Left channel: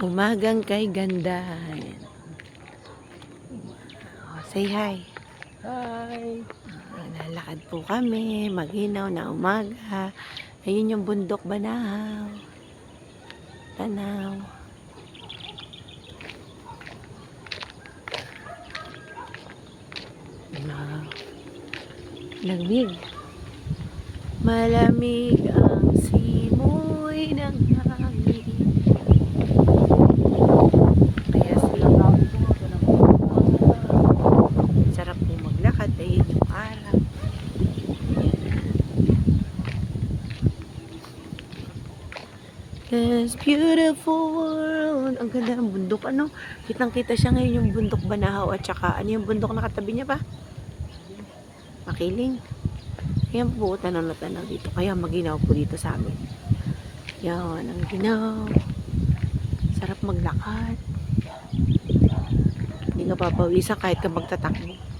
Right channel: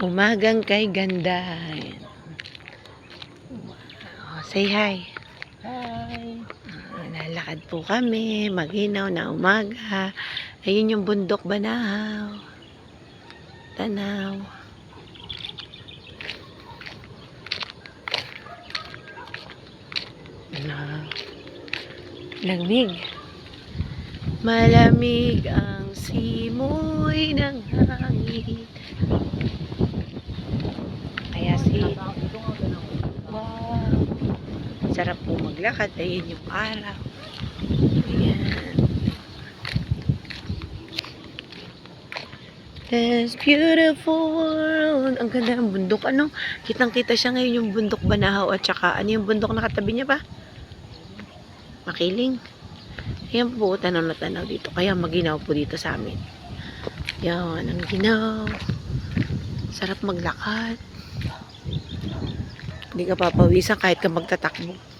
Umagang kay ganda. Say hi. Hi! Lalakad po kami. Maginaw na umaga. Ayun yung bundok Banahaw. Tanaw. Lamig. Malamig ang simoy ng hangin. Kaya wow, sarap po maglakad. Ayun yung araw. Ayan. This beautiful world. Ang ganda ng bundok. Ano? Kitang-kita siya ngayon yung bundok Banahaw at saka ano yung bundok na katabi niya pa? Makiling. Ayan po, tanaw na tanaw dito. Kaya maginaw po dito sa amin. Yan, ang ginaw. Sarap maglakad. Hindi ka papawisan kahit ka magtatakbo.